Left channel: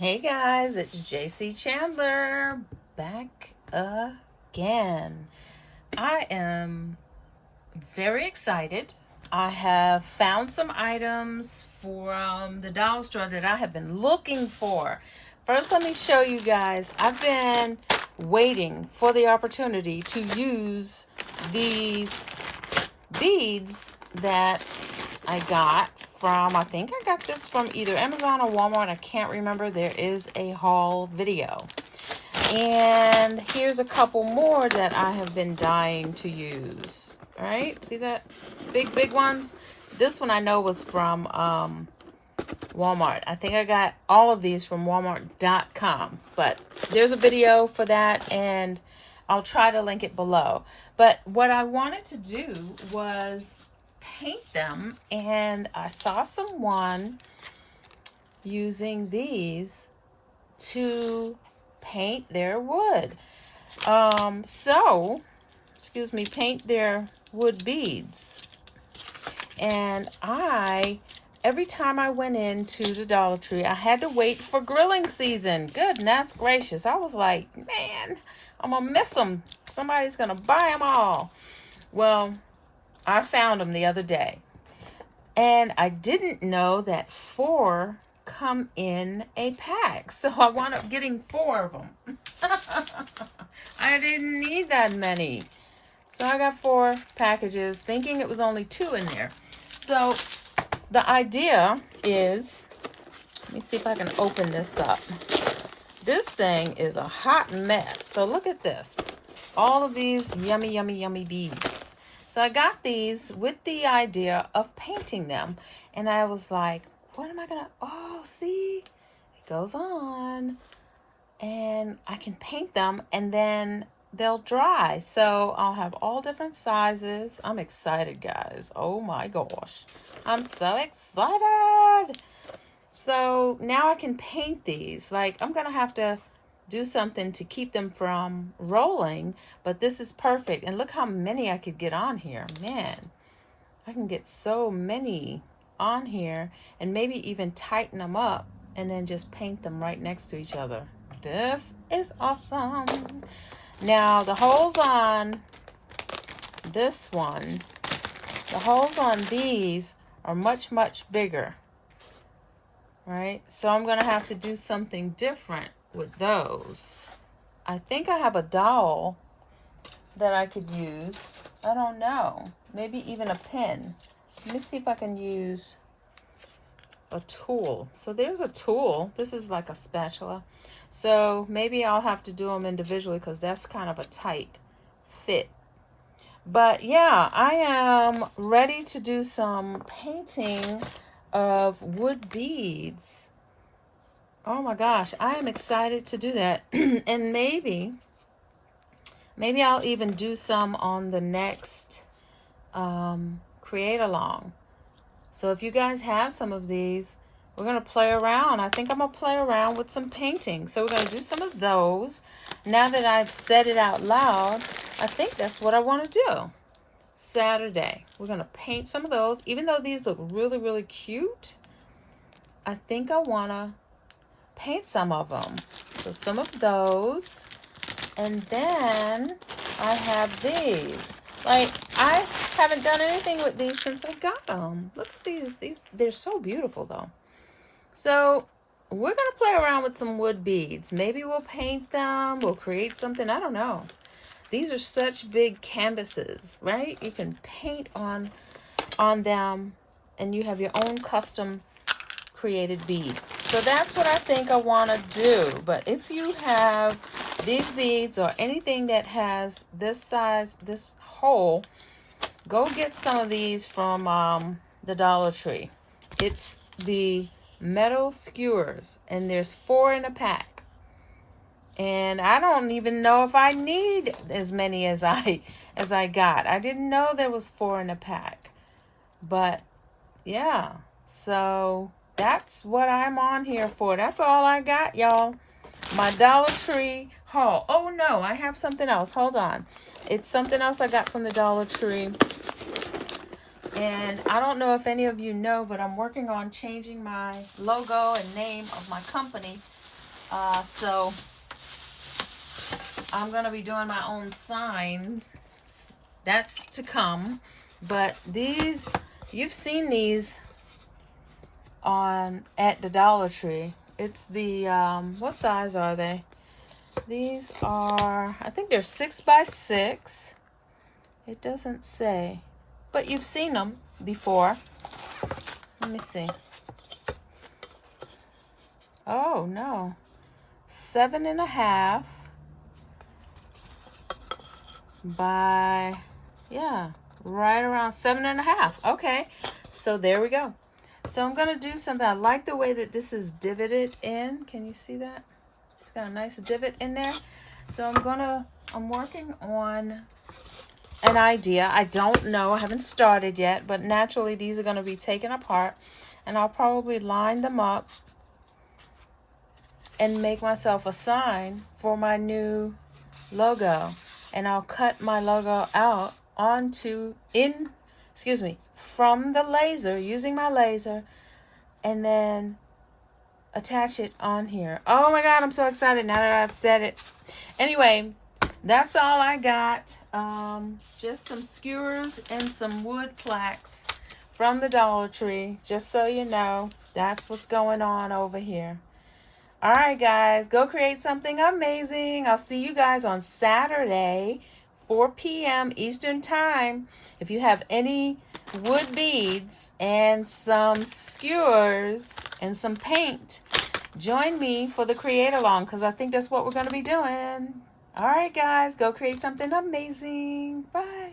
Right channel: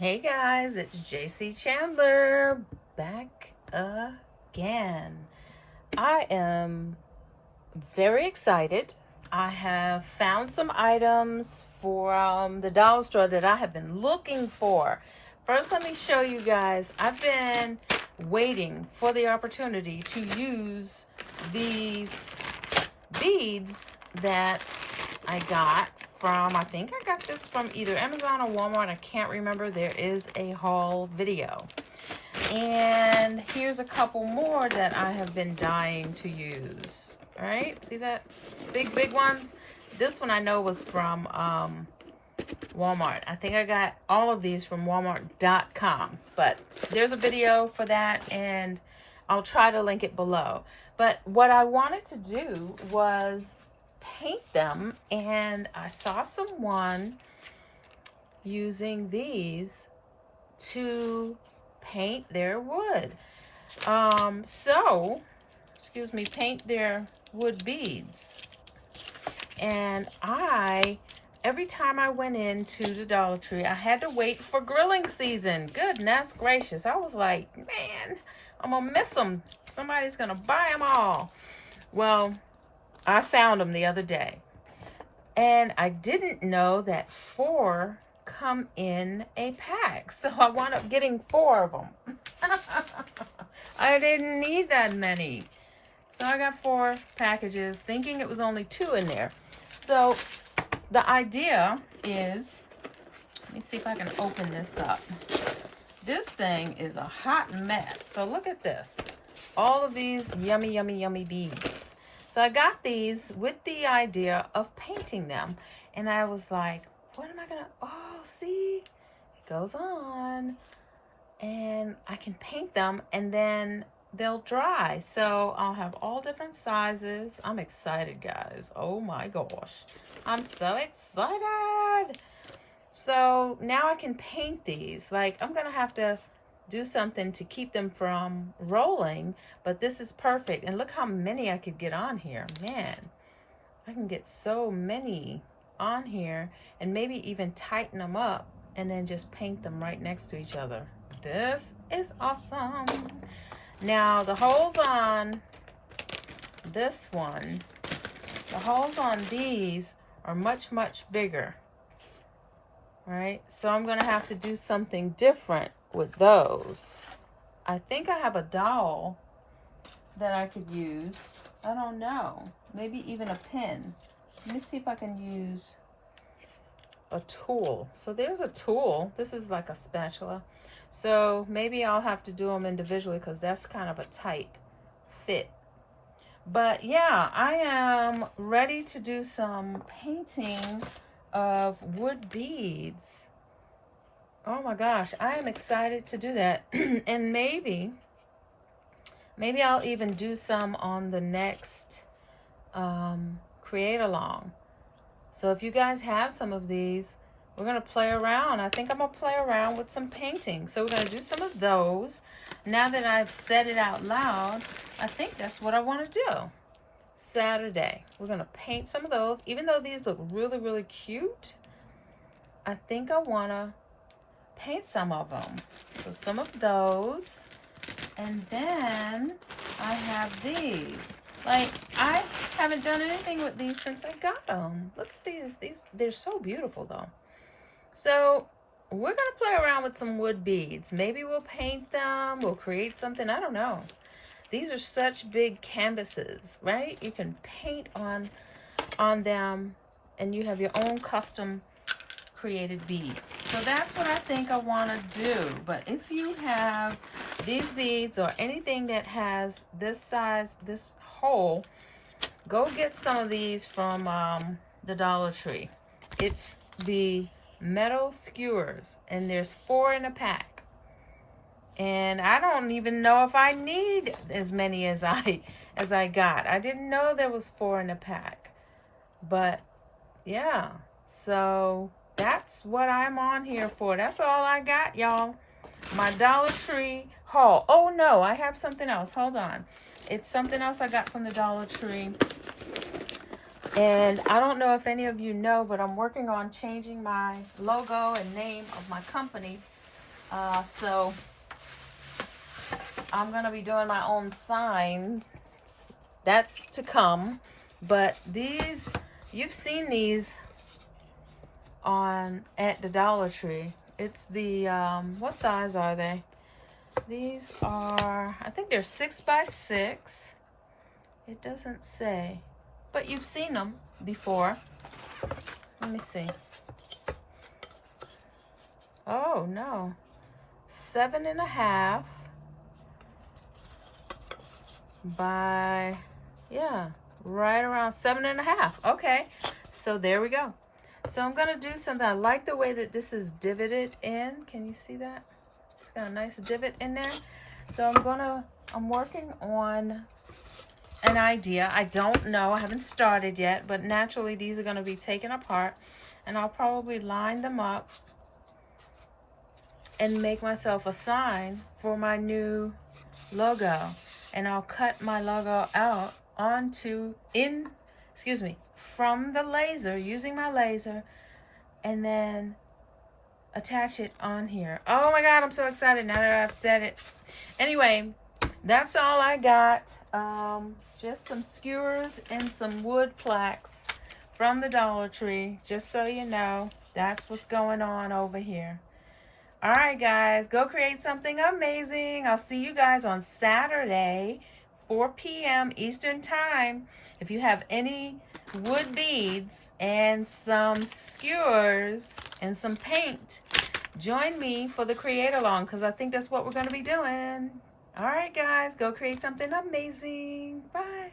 Hey guys, it's JayCee Chandler back again. I am very excited. I have found some items from the dollar store that I have been looking for. First, let me show you guys. I've been waiting for the opportunity to use these beads that I got from, I think I got this from either Amazon or Walmart. I can't remember. There is a haul video. And here's a couple more that I have been dying to use. All right, see that? Big ones. This one I know was from Walmart. I think I got all of these from walmart.com. But there's a video for that, and I'll try to link it below. But what I wanted to do was paint them, and I saw someone using these to paint their wood. Paint their wood beads. And every time I went into the Dollar Tree, I had to wait for grilling season. Goodness gracious. I was like, man, I'm going to miss them. Somebody's going to buy them all. Well, I found them the other day. And I didn't know that 4 come in a pack. So I wound up getting 4 of them. I didn't need that many. So I got 4 packages, thinking it was only 2 in there. So the idea is, let me see if I can open this up. This thing is a hot mess. So look at this. All of these yummy, yummy, yummy beads. So I got these with the idea of painting them. And I was like, what am I going to, oh, see, it goes on. And I can paint them and then they'll dry. So I'll have all different sizes. I'm excited, guys. Oh my gosh. I'm so excited. So now I can paint these. Like, I'm going to have to do something to keep them from rolling, but this is perfect. And look how many I could get on here. Man, I can get so many on here, and maybe even tighten them up and then just paint them right next to each other. This is awesome. Now the holes on this one, the holes on these are much bigger, right? So I'm gonna have to do something different with those. I think I have a dowel that I could use. I don't know, maybe even a pin. Let me see if I can use a tool. So there's a tool. This is like a spatula. So maybe I'll have to do them individually because that's kind of a tight fit. But yeah, I am ready to do some painting of wood beads. Oh my gosh, I am excited to do that. And maybe I'll even do some on the next create along. So if you guys have some of these, we're going to play around. I think I'm going to play around with some painting. So we're going to do some of those. Now that I've said it out loud, I think that's what I want to do. Saturday, we're going to paint some of those. Even though these look really cute, I think I want to paint some of them. So some of those. And then I have these. Like, I haven't done anything with these since I got them. Look at these. They're so beautiful, though. So we're going to play around with some wood beads. Maybe we'll paint them. We'll create something. I don't know. These are such big canvases, right? You can paint on them, and you have your own custom created bead. So that's what I think I want to do. But if you have these beads or anything that has this size, this hole, go get some of these from the Dollar Tree. It's the metal skewers, and there's 4 in a pack. And I don't even know if I need as many as I got. I didn't know there was 4 in a pack. But yeah, so that's what I'm on here for. That's all I got, y'all. My Dollar Tree haul. Oh no, I have something else. Hold on. It's something else I got from the Dollar Tree. And I don't know if any of you know, but I'm working on changing my logo and name of my company So I'm going to be doing my own signs. That's to come. But these, you've seen these at the Dollar Tree. It's the, what size are they? These are, I think they're 6 by 6. It doesn't say, but you've seen them before. Let me see. Oh, no. 7.5 by, yeah, right around 7.5. Okay, so there we go. So I'm going to do something. I like the way that this is divoted in. Can you see that? It's got a nice divot in there. So I'm working on an idea. I don't know. I haven't started yet, but naturally these are going to be taken apart, and I'll probably line them up and make myself a sign for my new logo. And I'll cut my logo out from the laser, using my laser, and then attach it on here. Oh my God, I'm so excited now that I've said it. Anyway, that's all I got. Just some skewers and some wood plaques from the Dollar Tree, just so you know. That's what's going on over here. All right, guys, go create something amazing. I'll see you guys on Saturday, 4 p.m. Eastern Time. If you have any wood beads and some skewers and some paint, join me for the create along, because I think that's what we're going to be doing. All right, guys, go create something amazing. Bye.